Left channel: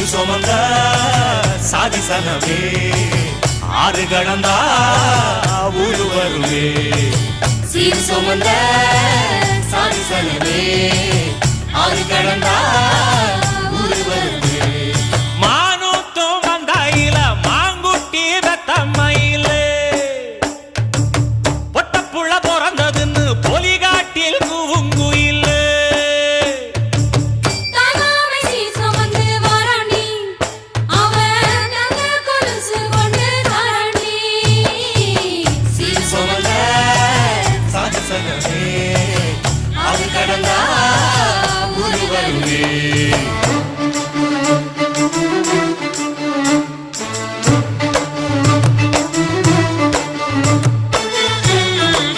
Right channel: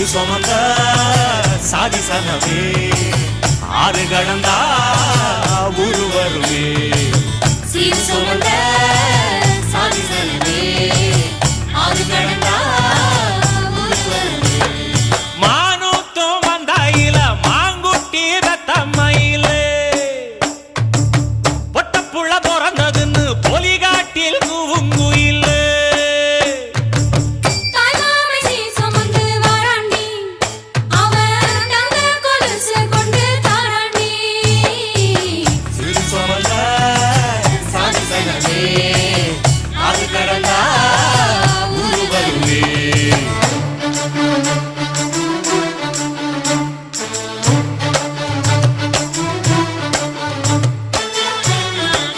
சிறு சுமந்த சாதிசனமே ஆறு கடந்தா ஊரு வருமே சீர் சுமந்த சாதிசனமே ஆறு கடந்தா ஊரு வருமே மானூத்தும் வந்தாயில மாங்குட்டி தம்மையில பொட்டப்புள்ள பிறந்ததுன்னு பொலிகாட்டில் கூவுங்குயில்